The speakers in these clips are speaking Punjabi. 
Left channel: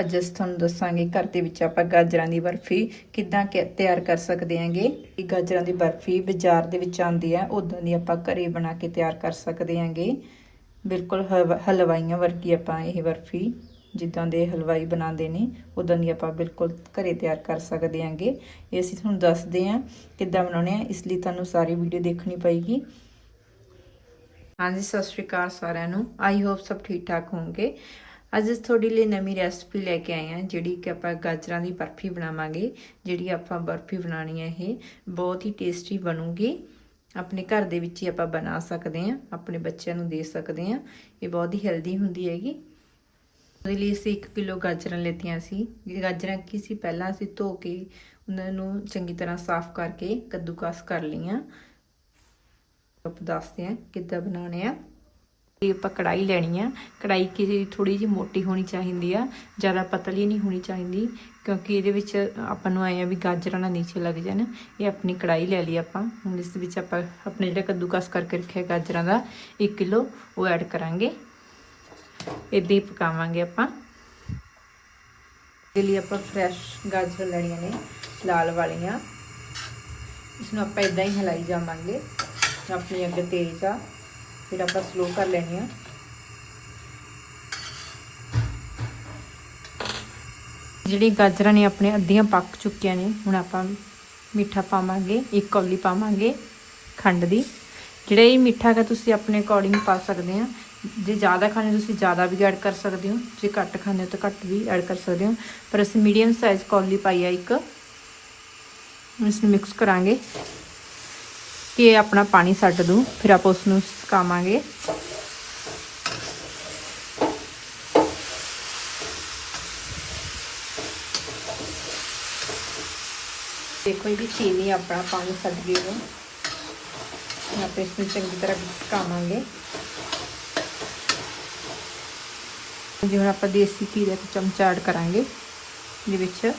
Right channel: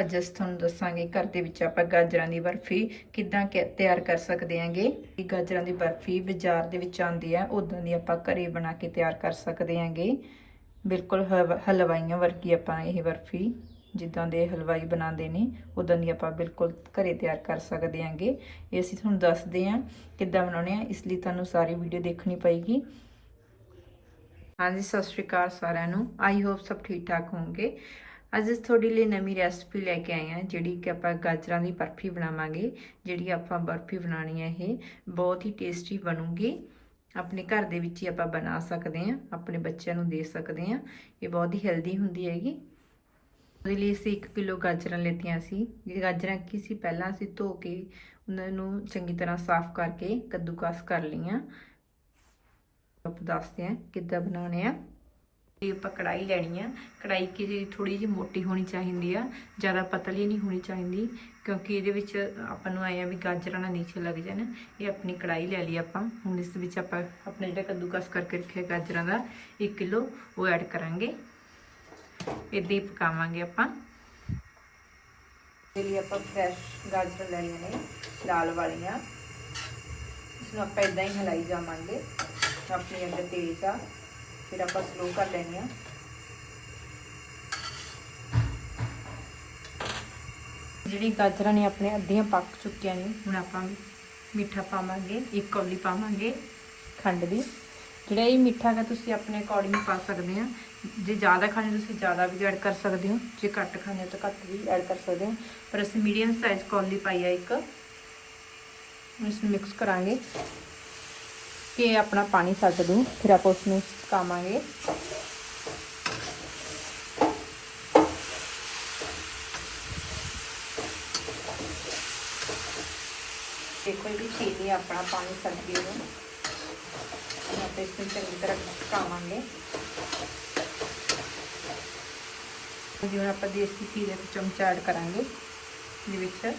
ਅੱਜ ਅਸੀਂ ਤੁਹਾਨੂੰ ਦੱਸਾਂਗੇ ਘਰ ਦੇ ਵਿੱਚ ਆਪਾਂ ਗਾਜਰਾਂ ਦੀ ਬਰਫੀ ਕਿੱਦਾਂ ਕਿ ਤਿਆਰ ਕਰ ਸਕਦੇ ਹਾਂਗੇ ਇਹ ਗਾਜਰਾਂ ਦੀ ਬਰਫੀ ਬਾਜ਼ਾਰ ਦੇ ਵਿੱਚ ਆਉਂਦੀ ਹੈ ਉਦਾਂ ਦੀ ਆਪਾਂ ਘਰੇ ਬਣਾ ਕੇ ਤਿਆਰ ਕਰ ਸਕਦੇ ਹਾਂਗੇ ਬਿਲਕੁਲ ਹਲਵਾ- ਹਲਵਾਈਆਂ ਵਰਗੀ ਆਪਾਂ ਇਹ ਬਰਫੀ, ਜਿੱਦਾਂ ਦੇ ਹਲਵਾਈ ਬਣਾਉਂਦੇ ਨੇ ਉਦਾਂ ਦੀ ਆਪਾਂ ਬਿਲਕੁਲ ਘਰੇ ਤਿਆਰ ਕਰ ਸਕਦੇ ਹਾਂਗੇ ਇਹ ਅਸੀਂ ਤੁਹਾਨੂੰ ਦੱਸਦੇ ਹਾਂ ਕਿੱਦਾਂ ਬਣਾਉਣੇ ਆ, ਇਸ ਲਈ ਤੁਹਾਨੂੰ ਸਾਰੀ ਵੀਡੀਓ ਦੇਖਣੀ ਪਏਗੀ। ਹਾਂਜੀ, ਸਤਿ ਸ਼੍ਰੀ ਅਕਾਲ ਸਾਰਿਆਂ ਨੂੰ। ਆਈ ਹੋਪ ਸਭ ਠੀਕ ਠਾਕ ਹੋਵੋਗੇ। ਅੱਜ ਅਸੀਂ ਤੁਹਾਡੇ ਲਈ ਨਵੀਂ ਰੈਸਪੀ ਲੈ ਕੇ ਆਏ ਹਾਂ, ਜਿਹੜੀ ਕਿ ਆਪਾਂ ਗਾਜਰਾਂ ਦੀ ਬਰਫੀ ਬਣਾਵਾਂਗੇ, ਜਿਹੜੀ ਆਪਾਂ ਬਰਫੀ ਬਣਾਣੀ ਹੈ ਇਹ, ਬਹੁਤ ਹੀ ਟੇਸਟੀ ਬਣੂਗੀ। ਆਪਣੇ ਘਰ ਦੇ ਵਿੱਚ ਹੀ ਆਪਾਂ ਬਣਾ ਸਕਦੇ ਹਾਂ, ਆਪਣੇ ਬੱਚਿਆਂ ਨੂੰ ਦੇ ਸਕਦੇ ਹਾਂ, ਇਹ ਬਹੁਤ ਹੀ ਹੈਲਦੀ ਹੁੰਦੀ ਹੈਗੀ। ਉਹਦੇ ਲਈ ਅਸੀਂ 1 ਕਿਲੋ ਗਾਜਰਾਂ ਲੈਤੀਆਂ ਸੀ ਗਾਜਰਾਂ ਕੀ ਸੀ? ਪਹਿਲਾਂ ਅਸੀਂ ਧੋ ਕੇ ਉਹਨਾਂ ਨੂੰ ਚੰਗੀ ਤਰ੍ਹਾਂ ਸਾਫ਼ ਕਰਕੇ ਕੱਦੂਕਸ ਕਰ ਲਈਆਂ। ਆਪ ਦੱਸਦੇ ਆ ਕਿੱਦਾਂ ਬਣਾਉਣੇ ਆ। ਇਹ ਆਪਾਂ ਕੜਾਈ ਲੈਣੀ ਆ। ਕੜਾਈ ਕੀ ਥੋੜੀ ਜਿਹੀ ਮੋਟੀ ਹੋਣੀ ਚਾਹੀਦੀ ਆ, ਜ਼ਿਆਦਾ ਪਤਲੀ ਨਹੀਂ ਹੋਣੀ ਚਾਹੀਦੀ, ਕਿਉਂਕਿ ਇਹਦੇ ਵਿੱਚ ਆਪਾਂ ਨੂੰ ਆਏ ਆਇਆ ਵੀ ਗਾਜਰਾਂ ਨਾ ਨੀਚੇ ਲੱਗ ਜਾਣ, ਇਹ ਆਪਣੀ ਕੜਾਈ ਲੈ ਲਈ ਆਪਾਂ। ਹੁਣ ਇਸ ਵਿੱਚ ਆਪਾਂ ਆਪਣੇ ਜਿਹੜੇ ਕੱਦੂਕਸ ਕਰਕੇ ਰੱਖਿਆ ਗਾਜਰਾਂ ਦਾ 1 ਕਿਲੋ ਉਹ ਐਡ ਕਰਾਂਗੇ। ਇਦਾਂ ਹੀ ਪਕਾਵਾਂਗੇ ਆਪਾਂ। ਇਹਦੇ ਲਈ ਆਪਾਂ ਫਰੈਸ਼ ਗਾਜਰ ਲੈਣੀਆਂ ਨੇ, ਲਾਲ ਵਾਲੀਆਂ। ਇਸ ਨੂੰ ਆਪਾਂ ਇਦਾਂ ਹੀ ਹਿਲਾਈ ਜਾਵਾਂਗੇ, ਆਪਣੀ ਅੱਗ ਤੇਜ਼ ਆ ਫਿਰ ਆਪਾਂ ਸਲੋ ਕਰ ਲੈਣੀ ਆ ਜਿਹੜੀ ਗਾਜਰਾਂ ਨੇ ਆਪਣੇ ਅੱਧੀਆਂ ਪੱਕ ਚੁੱਕੀਆਂ ਨੇ, ਹੁਣ ਆਪਾਂ ਮਿੱਠਾ ਪਾਵਾਂਗੇ, ਇੱਕ ਕੌਲੀ ਪਾਵਾਂਗੇ ਖੰਡ ਦੀ। ਜਿਹੜਾ ਇਹ ਮਿੱਠਾ ਹੈ ਤੁਸੀਂ ਆਪਣੇ ਅਕੋਰਡਿੰਗ ਪਾ ਸਕਦੇ ਆ ਜੇ ਜ਼ਿਆਦਾ ਖਾਣੇ, ਤੁਸੀਂ ਜ਼ਿਆਦਾ ਵੀ ਐਡ ਕਰ ਸਕਦੇ ਹੋ। ਜੇ ਘੱਟ ਖਾਣੇ ਹੋ, ਤਾਂ ਘੱਟ ਵੀ ਐਡ ਕਰ ਸਕਦੇ ਹੋ। ਪਰ ਅਸੀਂ ਮੀਡੀਅਮ ਸਾਈਜ਼ ਕੌਲੀ ਪਾਈ ਆ ਇੱਕ। ਇਸ ਨੂੰ ਮਿਕਸ ਕਰਾਂਗੇ। ਕਿ ਇਹ ਆਪਣਾ ਪਾਣੀ ਛੱਡ ਦੂੰ, ਫਿਰ ਆਪਾਂ ਉਸ ਨੂੰ ਸੁਕਾਵਾਂਗੇ। ਦੇਖੋ ਇਹ ਚੀਨੀ ਆਪਣਾ ਪਾਣੀ ਛੱਡ ਗਈ ਹੁਣ। ਆਪਾਂ ਇਸ ਨੂੰ ਚੰਗੀ ਤਰ੍ਹਾਂ ਸੁਕਾਵਾਂਗੇ। ਜਿਵੇਂ ਆਪਾਂ ਦੇਸੀ ਘੀ ਦਾ ਚਮਚਾ ਐਡ ਕਰਾਂਗੇ ਦੇ ਵਿੱਚ।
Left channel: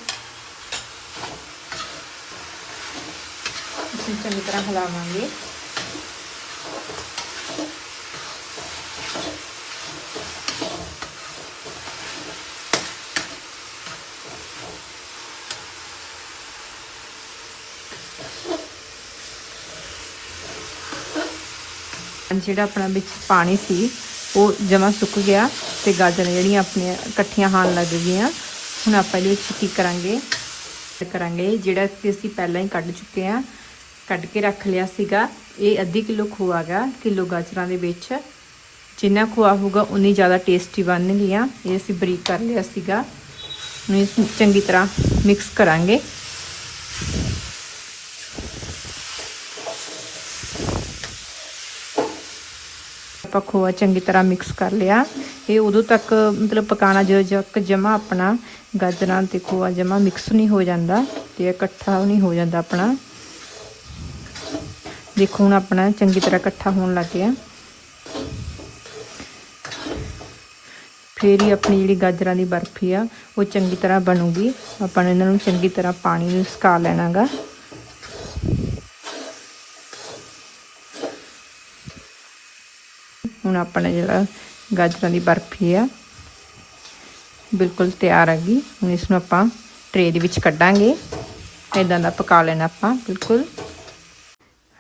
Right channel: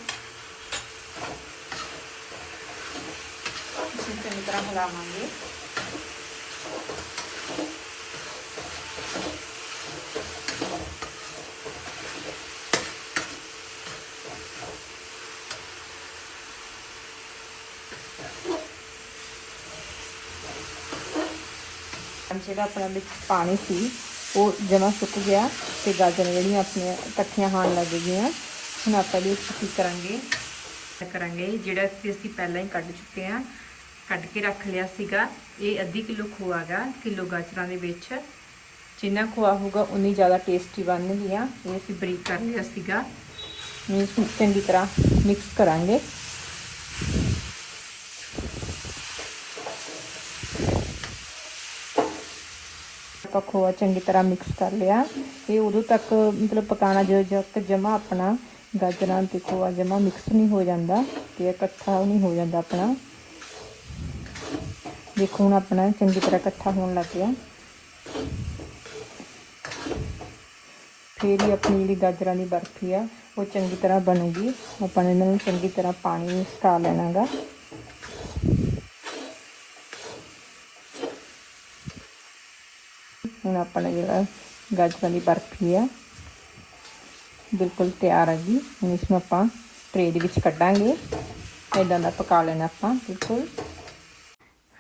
ਇਸੇ ਚੰਗੀ ਤਰ੍ਹਾਂ ਹਿਲਾਵਾਂਗੇ ਜਿਹੜਾ ਆਪਣਾ ਵਿੱਚ ਪਾਣੀ ਸੀ, ਉਹ ਜਮਾ ਸੁੱਕ ਗਿਆ ਤੇ ਗਾਜਰਾਂ ਜਿਹੜੀਆਂ ਆਪਣੀਆਂ ਇਕੱਠੀਆਂ ਖਾਣ ਲੱਗ ਗਈਆਂ। ਹੁਣ ਆਪਾਂ ਇਹਦੇ ਵਿੱਚ ਕੀ ਕਰਾਂਗੇ। ਕਰਾਂਗੇ ਜਿਹੜਾ ਕਿ ਅਸੀਂ ਪਹਿਲਾਂ ਹੀ ਕੱਢ ਚੁੱਕੇ ਆ ਕੱਢ ਕੇ ਰੱਖ ਲਿਆ ਸੀਗਾ। ਇਹ ਅੱਧੀ ਕਿਲੋ ਖੋਆ ਗਾ ਕਿਲੋ ਗਾਜਰਾਂ ਦੇ ਵਿੱਚ। ਜਿੰਨਾ ਖੋਆ ਹੋਊਗਾ, ਉਨੀ ਜ਼ਿਆਦਾ ਟੇਸਟੀ ਬਣਨਗੀਆਂ। ਇਹ ਅਸੀਂ ਬਰੀਕ ਕਰ ਲਿਆ ਸੀਗਾ। ਹੁਣ ਇਸ ਨੂੰ ਚੰਗੀ ਤਰ੍ਹਾਂ ਮਿਕਸ ਕਰਾਂਗੇ। ਆਪਾਂ ਖੋਆ ਚੰਗੀ ਤਰ੍ਹਾਂ ਮਿਕਸ ਕਰ ਲਿਆ। ਇਹ ਉਦੋਂ ਤੱਕ ਮਤਲਬ ਪਕਾਣਾ ਜਦੋਂ ਤੱਕ ਜਮਾ ਆਪਣਾ ਗਾਜਰਾਂ ਤੇ ਖੋਆ ਜਮਾ ਮਿਕਸ ਨਹੀਂ ਹੋ ਜਾਂਦਾ ਤੇ ਇਕੱਠਾ ਨਹੀਂ ਹੋ ਜਾਂਦਾ ਆਪਣਾ। ਦੇਖੋ ਹੁਣ ਆਪਣਾ ਚੰਗੀ ਤਰ੍ਹਾਂ ਇਕੱਠਾ ਹੋਣ ਲੱਗ ਗਿਆ। ਫਿਰ ਹੀ ਆਪਣੀ ਜਿਹੜੀ ਗਾਜਰਾਂ ਦੀ ਬਰਫੀ ਆ, ਉਹ ਚੰਗੀ ਤਰ੍ਹਾਂ ਬਣੂਗੀ। ਆਪਾਂ ਨੇ ਇਹਨਾਂ ਨੂੰ ਚੰਗੀ ਤਰ੍ਹਾਂ ਪਾਣੀ ਨੂੰ ਸੁਕਾ ਲੈਣਾਗਾ। ਹੁਣ ਆਪਣਾ ਜਿਹੜਾ ਗਾਜਰਾਂ ਦੀ ਬਰਫੀ ਆ, ਬਿਲਕੁਲ ਤਿਆਰ ਹੈਗੀ। ਹੁਣ ਇਸ ਨੂੰ ਆਪਾਂ ਟਰੇ ਦੇ ਵਿੱਚ ਕੱਢਾਂਗੇ। ਇਦਾਂ ਦਾ ਪਕਾ ਲੈਣਾ ਆਪਾਂ, ਬਿਲਕੁਲ।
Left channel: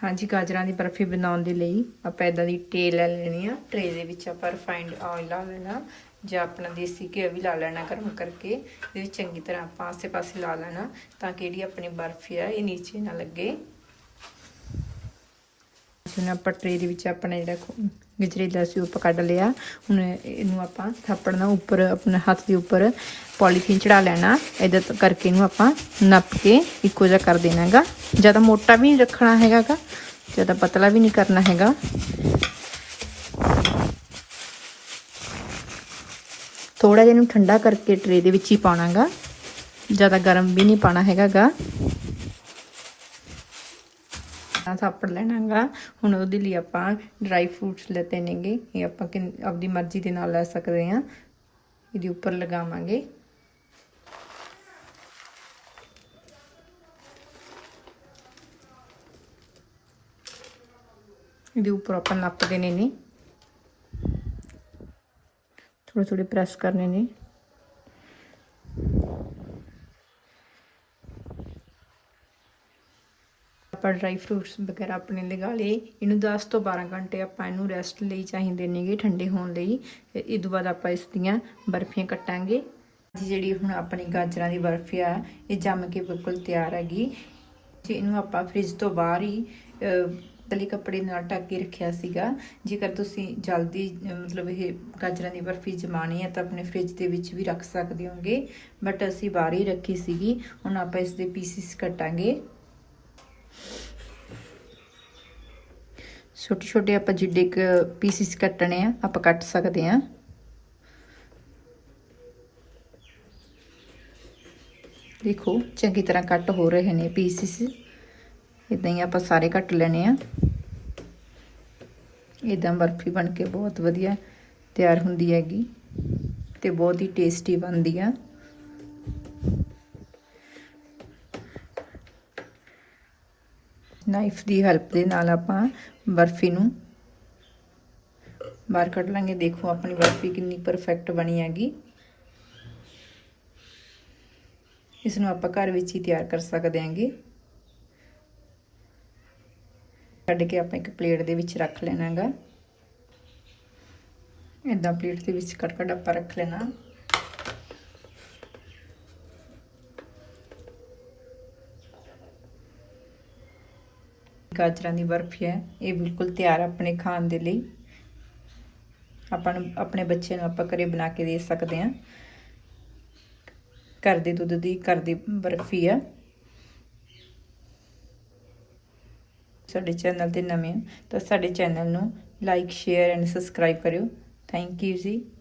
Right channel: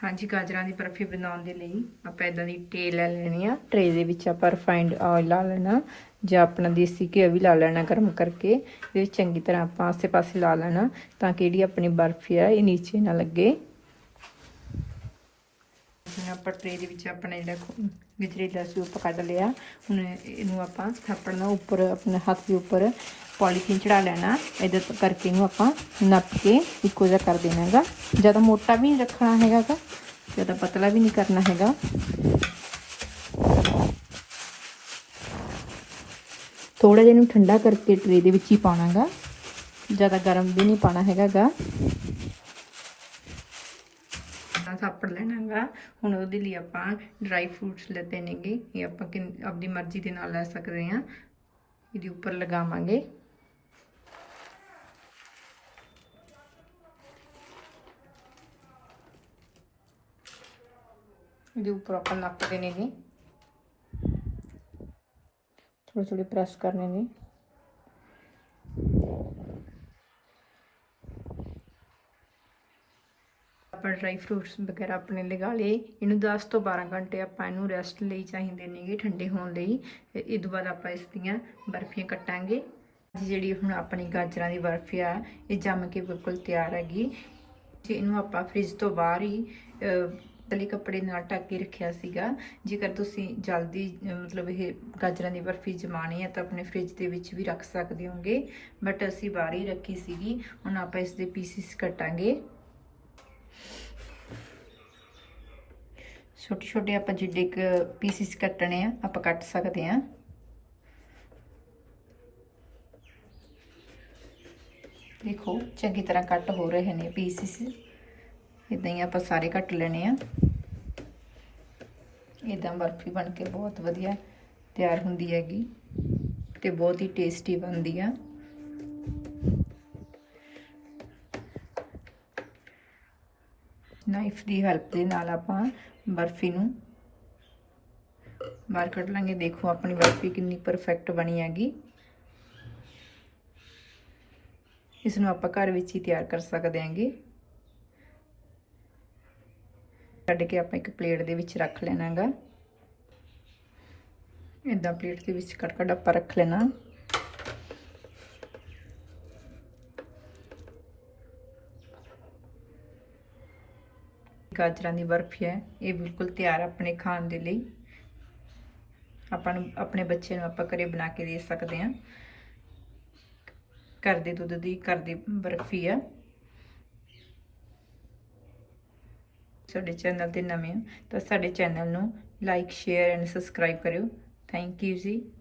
ਹਾਂਜੀ, ਗਾਜਰਾਂ ਦੀ ਬਰਫੀ ਬਣਾਉਣ ਦੇ ਲਈ ਆਪਾਂ ਇਦਾਂ ਦੀ ਟਰੇ ਲੈ ਲੈਣੀ ਆ। ਟਰੇ ਦੇ ਵਿੱਚ ਆਪਾਂ ਰਿਫਾਈਂਡ ਆਇਲ ਲਾ ਲੈਣਾ, ਜਾਂ ਆਪਣਾ ਦੇਸੀ ਘਿਓ ਵੀ ਲਾ ਲੈਣਾ ਗਰਮ ਕਰਕੇ, ਇਹਦੇ ਵਿੱਚ ਚੰਗੀ ਤਰ੍ਹਾਂ ਆਪਾਂ ਆਸੇ-ਪਾਸੇ ਲਾ ਲੈਣਾ, ਤਾਂ ਕਿ ਜਿਹੜੀ ਆਪਣੀ ਬਰਫੀ ਆ, ਇਹ ਨੀਚੇ ਨਾ ਲੱਗੇ। ਜਿਵੇਂ ਆਪਾਂ ਟਰੇ ਦੇ ਵਿੱਚ ਆਪਣਾ ਜਿਹੜਾ ਗਜਰੇ ਦਾ ਸੀ ਕੱਢ ਲਿਆ। ਹੁਣ ਇਹਨੂੰ ਆਪਾਂ ਥਾਪੜ ਨਾਲ ਉੱਪਰ ਆਪਣੇ ਹੱਥ ਦੇ ਉੱਪਰ ਪੋਲੀਥੀਨ ਚੜਾ ਲੈਣਾ। ਇਹਦੇ ਕਰਕੇ ਇਹਨੂੰ ਆਪਾਂ ਨੱਪ ਕੇ ਇੱਕੋ ਜਿਹਾ ਕਰ ਦੇਣਾ ਹੈਗਾ। ਜ਼ਿਆਦਾ ਮੋਟਾ ਵੀ ਨਹੀਂ ਰੱਖਣਾ ਹੈਗਾਗਾ। ਜ਼ਿਆਦਾ ਪਤਲਾ ਵੀ ਨਹੀਂ ਕਰਨਾ ਹੈਗਾ। ਥੋੜਾ ਜਿਹਾ ਇਹਨੂੰ ਠੰਡਾ ਕਰਕੇ ਟਰੇ ਦੇ ਵਿੱਚ ਹੀ ਪਾਉਣਾਗਾ ਜ਼ਿਆਦਾ ਗਰਮ ਵੀ ਨਹੀਂ ਪਾਣਾ ਹੈਗਾਗਾ। ਥਾਪੜ ਲੈਣਾਗਾ। ਹੁਣ ਉਹਦੇ ਲਈ ਆਪਾਂ ਡਰਾਈ ਫਰੂਟਸ ਲੈਤੇ ਨੇਗੇ ਇਹ ਆਪਾਂ ਆਪਦੀ ਮਰਜ਼ੀ ਦੇ ਨਾਲ ਲੈ ਸਕਦੇ ਹਾਂ। ਇਹਦੇ ਉੱਪਰ ਲਗਾਵਾਂਗੇ। ਇਹਦੇ ਉੱਪਰ ਆਪਾਂ ਲੱਪ ਦੇਣੇ ਨੇ। ਥੋੜੇ ਥੋੜੇ ਪ੍ਰੈਸ ਕਰਨੇ ਨੇ। ਆਪਾਂ ਡਰਾਈ ਫਰੂਟਸ ਵਗੈਰਾ ਆਪਣੇ ਲਗਾ ਲਏ। ਇਹਨੂੰ 10 ਤੋਂ 12 ਘੰਟੇ ਆਪਾਂ ਇਹਨੂੰ ਰੈਸਟ ਲਈ ਚਾਹੀਦੇ ਨੇਗੇ ਠੰਡੇ ਹੋਣ ਲਈ। ਤੇ ਇਹ ਤੋਂ ਬਾਅਦ ਆਪਾਂ ਇਸ ਦੀਆਂ ਬਰਫੀਆਂ ਕੱਟਾਂਗੇ। ਜੀ ਜਿਹੜੀ ਹੁਣ ਆਪਣੀ ਗਾਜਰਾਂ ਦੀ ਬਰਫੀ ਆ ਇਹ ਜੰਮ ਕੇ ਬਿਲਕੁਲ ਤਿਆਰ ਹੈਗੀ। ਜੀ ਇਹਨੂੰ ਆਪਾਂ ਫ੍ਰਿਜ ਤੋਂ ਬਾਹਰ ਹੀ ਅਹ, ਕੱਪੜੇ ਨਾਲ ਢੱਕ ਕੇ ਰੱਖਿਆ ਸੀਗਾ। ਜੇਕਰ ਤੁਸੀਂ ਜਲਦੀ ਮਤਲਬ ਇਹ ਗਾਜਰਾਂ ਦੀ ਬਰਫੀ ਜਮਾਣੀ ਹੈ ਤਾਂ ਆਪਣੇ ਫ੍ਰਿਜ ਦੇ ਵਿੱਚ ਵੀ ਰੱਖ ਸਕਦੇ ਹੋਗੇ। ਬਟ ਅਸੀਂ ਬਾਹਰ ਹੀ ਰੱਖੀ ਸੀਗੀ। ਹੁਣ ਆਪਾਂ ਇਸ ਦੇ ਪੀਸਿਸ ਕੱਟਾਂਗੇ। ਛੋਟੇ ਛੋਟੇ ਆਪਾਂ ਜਿੱਡੇ ਕ ਪੀਸਿਸ ਕੱਟਣੇ ਆ, ਆਪਾਂ ਕੱਟ ਸਕਦੇ ਆ। ਦੇਖੋ, ਚੰਗੀ ਤਰ੍ਹਾਂ ਕੱਟ ਹੋ ਰਹੇ ਨੇ ਪੀਸਿਸ ਇਦਾਂ ਹੀ ਆਪਾਂ ਸਾਰੇ ਕੱਟ ਲੈਣੇ ਆ। ਇਦਾਂ ਬਰਫੀ ਬਣ ਕੇ ਬਹੁਤ ਵਧੀਆ ਤਿਆਰ ਹੁੰਦੀ ਹੈਗੀ ਤੇ ਬਹੁਤ ਹੀ ਟੇਸਟੀ ਬਣਦੀ ਆ। ਨਾਈਫ ਦੀ ਹੈਲਪ ਦੇ ਨਾਲ ਆਪਾਂ ਬਰਫੀ ਨੂੰ ਬਾਹਰ ਕੱਢ ਲਾਂਗੇ। ਦੇਖੋ, ਆਪਣੀ ਬਰਫੀ ਕਿੰਨੀ ਪਰਫੈਕਟ ਬਣੀ ਹੈਗੀ। ਇਸ ਨੂੰ ਆਪਾਂ ਘਰ ਵਿੱਚ ਹੀ ਤਿਆਰ ਕਰ ਸਕਦੇ ਹਾਂਗੇ। ਕੱਢ ਕੇ ਆਪਾਂ ਇੱਕ ਪਲੇਟ ਦੇ ਵਿੱਚ ਰੱਖ ਲੈਣਾਗਾ ਇਦਾਂ ਪਲੇਟ ਦੇ ਵਿੱਚ ਕੱਟ ਕੱਟ ਆਪਾਂ ਰੱਖ ਲੈਣਾ। ਗਾਜਰਾਂ ਦੀ ਬਰਫੀ ਹੈ। ਇਹ ਬਿਲਕੁਲ ਤਿਆਰ ਆਪਣੇ ਖਾਣ ਦੇ ਲਈ। ਆਪਾਂ ਨੂੰ, ਆਪਣੇ ਬੱਚੇ ਨੂੰ ਆਪਾਂ ਘਰੇ ਬਣਾ ਕੇ ਦੇ ਸਕਦੇ ਹਾਂ। ਘਰ ਦੇ ਦੁੱਧ ਦੀ, ਘਰ ਦੀ ਬਰਫੀ ਆ। ਸਾਡੇ ਚੈਨਲ ਤੇ ਨਵੇਂ ਹੋ ਤਾਂ ਸਾਡੇ ਚੈਨਲ ਨੂੰ ਲਾਈਕ, ਸ਼ੇਅਰ ਐਂਡ ਸਬਸਕ੍ਰਾਈਬ ਕਰਿਓ। Thank you ji.